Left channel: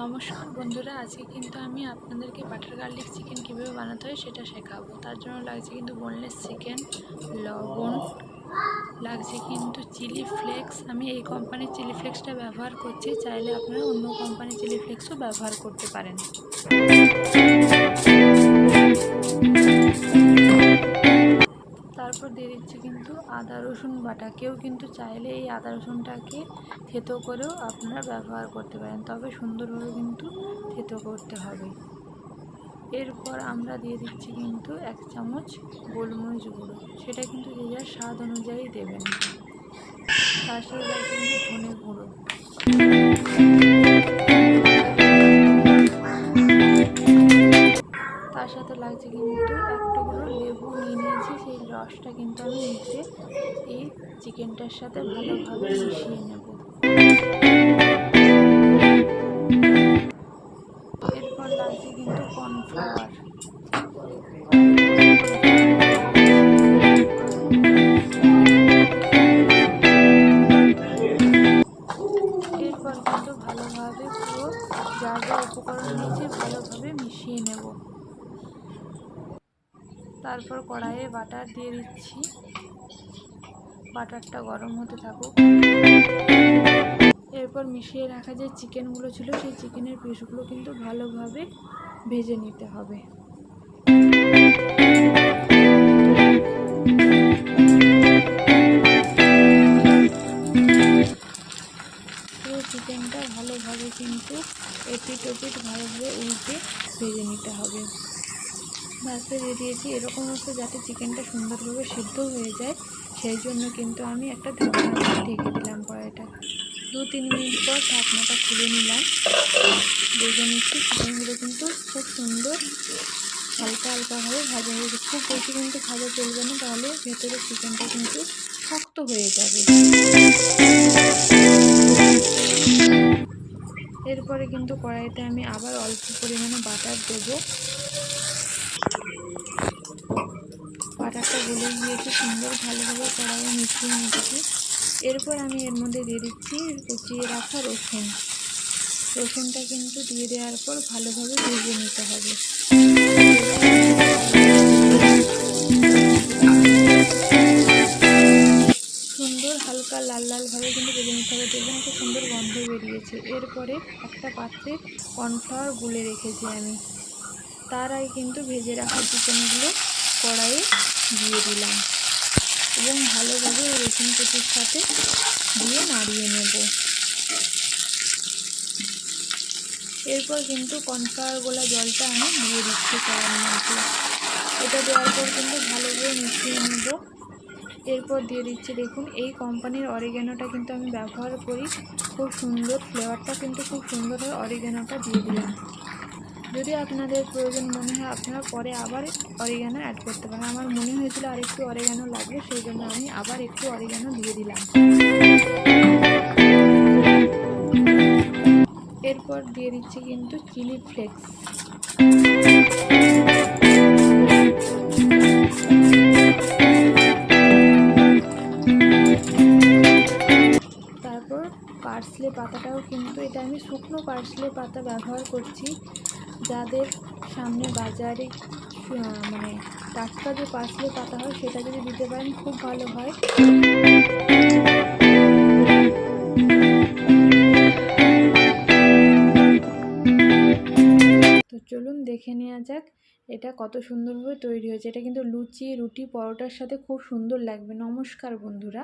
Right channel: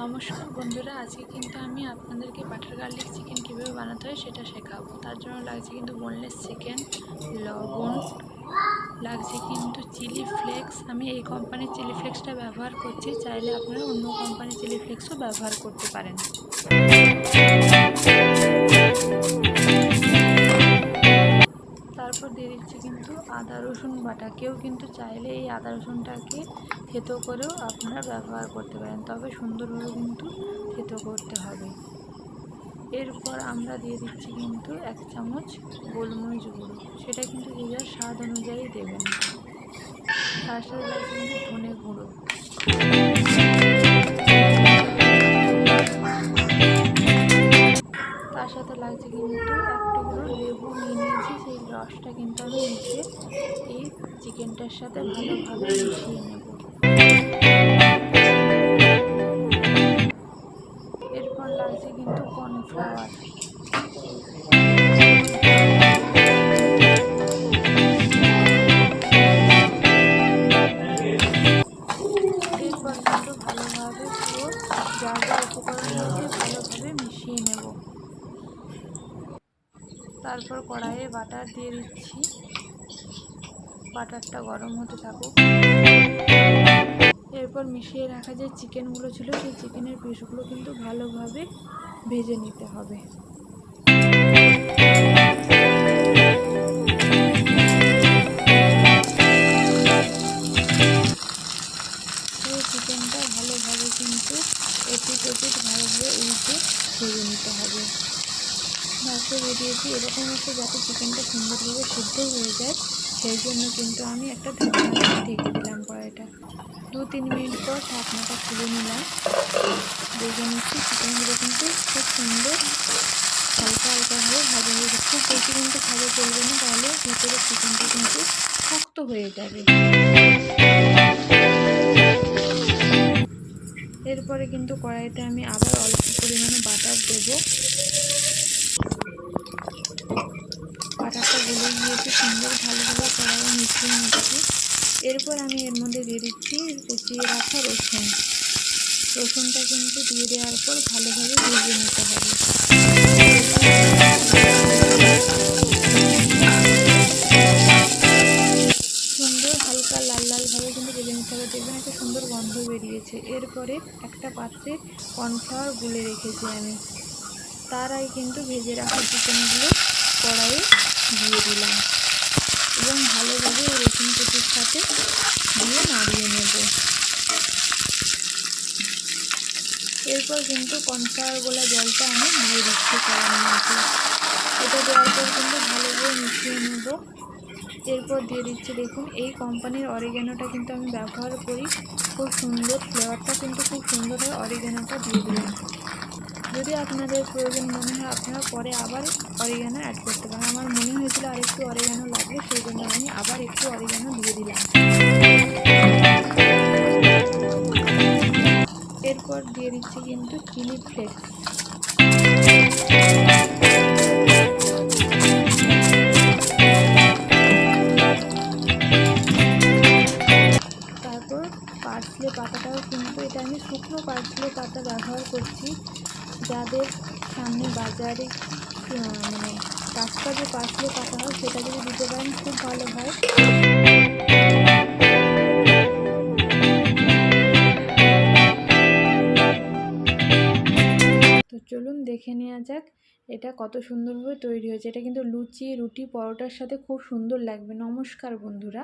নমস্কার বন্ধুরা, আজকে কিন্তু আমি আপনাদেরকে বাটার গার্লিক চিকেন কীভাবে বানাতে হয় সেটা শেখাবো। তার জন্য লাগছে কিন্তু বোনলেস চিকেন, লবণ, লাগছে কিন্তু চিলি ফ্লেক্স। আমি এই কোম্পানির চিলি ফ্লেক্সটা ব্যবহার করছি, চাইলে আপনারা অন্য কোম্পানির চিলি ফ্লেক্সও ব্যবহার করতে পারেন। তারপর দিয়ে দিচ্ছি কিন্তু আদা রসুন বাটা। কেউ কিন্তু চাইলে এই আদা রসুনটাকে থেতো করেও আপনারা ব্যবহার করতে পারেন, তবে সুন্দরভাবে কিন্তু থেতো করতে হবে। এরপর আমরা দিয়ে দিচ্ছি কিন্তু 1 চামচ গোলমরিচ গুঁড়ো, সেটা কিন্তু যে যার স্বাদ অনুযায়ী দেবেন। তার সাথে লাগছে কিন্তু ধনে গুঁড়ো, তার সাথে লাগছে কিন্তু এক টুকরো লেবু নিয়ে নিয়েছি। সেই রসটা কিন্তু আমি নিচে এই চিকেনটার সাথে ভালোভাবে মিশিয়ে নেব। এরপর লাগছে কিন্তু কর্নফ্লাওয়ার। এরপর কিন্তু ভালোভাবে পুরো যা যা উপকরণ নিয়েছি ভালোভাবে মিশিয়ে নেব। তারপর কড়াইয়ে বাটার দিয়ে দিচ্ছি, বাটারটা গরম হতে থাকুক। এরপর মিশিয়ে রাখা যে চিকেনগুলো ছিল সেই চিকেনের পিসগুলো কিন্তু ভালোভাবে ভেজে নিতে হবে। পুরো চিকেনটা ভালোভাবে কিন্তু এপিট ওপিট ভালোভাবে উল্টে ভেজে নিতে হবে। ভাজতে বেরিয়েছি এরকম হচ্ছে যাতে চিকেনটা সুন্দরভাবে সিদ্ধ হয়ে যায়, সেই জন্য কিন্তু আমি একটা ঢাকনা দিয়ে ঢেকে দিলাম কড়াইটা। 2-3 মিনিট পর ঢাকনাটা খুলে নিলাম। দেখে নিচ্ছি চিকেনগুলো কিন্তু খুব সুন্দর হালকা হালকাভাবে ভাজা হয়ে গেছে। খুব বেশি কিন্তু ভাজা চলবে না, তাহলে ভেতরে চিকেনটা কিন্তু শক্ত হয়ে যাবে। এরপরে কিন্তু কড়াইতে আমি আবার অল্প পরিমাণে বাটার দেব। বাটারটা গলে গিয়েছে, সুন্দর ভালোভাবে কড়াইয়ে মিশিয়ে নিচ্ছি। এরপর আমি এর মধ্যে দিয়ে দিচ্ছি কুচিয়ে রাখা রসুনটা কিন্তু দিয়ে দেওয়ার পর ভালোভাবে ভেজে নিতে হবে। সুন্দর হালকা লাল লালভাবে কিন্তু ভেজে নিতে হবে। দেখবেন একটা সুন্দর গন্ধ বেরিয়েছে। এরপরে একটা পাত্রে কর্নফ্লাওয়ার গুলে রেখেছি আমি, তার আগে কিন্তু ভেজে রাখা চিকেনগুলো কড়াইয়ে দিয়ে দিলাম এবং ভালোভাবে রসুন কুচির সাথে দিয়ে নাড়িয়ে নেব। এরপর কিন্তু কর্নফ্লাওয়ার গোলা জলটা আমি দিয়ে দিচ্ছি কড়াইয়ের মধ্যে। এটা দেওয়ার পর কিন্তু ভালোভাবে মিশিয়ে নেব। এরপর দিয়ে দিচ্ছি, দেখুন এই কোম্পানির অরিগ্যানোটা কিন্তু আমি ব্যবহার করি, খুব সুন্দর ফ্লেভারটা কিন্তু খুব সুন্দর হয়। অরিগ্যানোটা দিয়ে দিলাম। যদি আপনাদের প্রয়োজন মনে হয় আপনারা পরে আবার অরিগ্যানো অ্যাড করতে পারেন। আমার মনে হয়েছিল আর একটু অরিগ্যানো লাগবে, সেই জন্য আমি আবার একটু অরিগ্যানো দিয়ে দিলাম। এরপর দিয়ে দিচ্ছি কিন্তু চিলি ফ্লেক্স। তারপর পার্সলে পাতাটাও কিন্তু, এটা আমি শুকনো পার্সলে পাতা ব্যবহার করছি। যাদের সামনে বাজারে মানে টাটকা যে পার্সলে পাতা হয় সেটা যদি দিতে পারেন খুব ভালো হয়। তো চলুন দেখে নেওয়া যাক এটা কত সুন্দরভাবে তৈরি হয়েছে। এটা কিন্তু লুচি, রুটি, পরোটার সাথে খুব সুন্দর লাগবে। নমস্কার বন্ধুরা।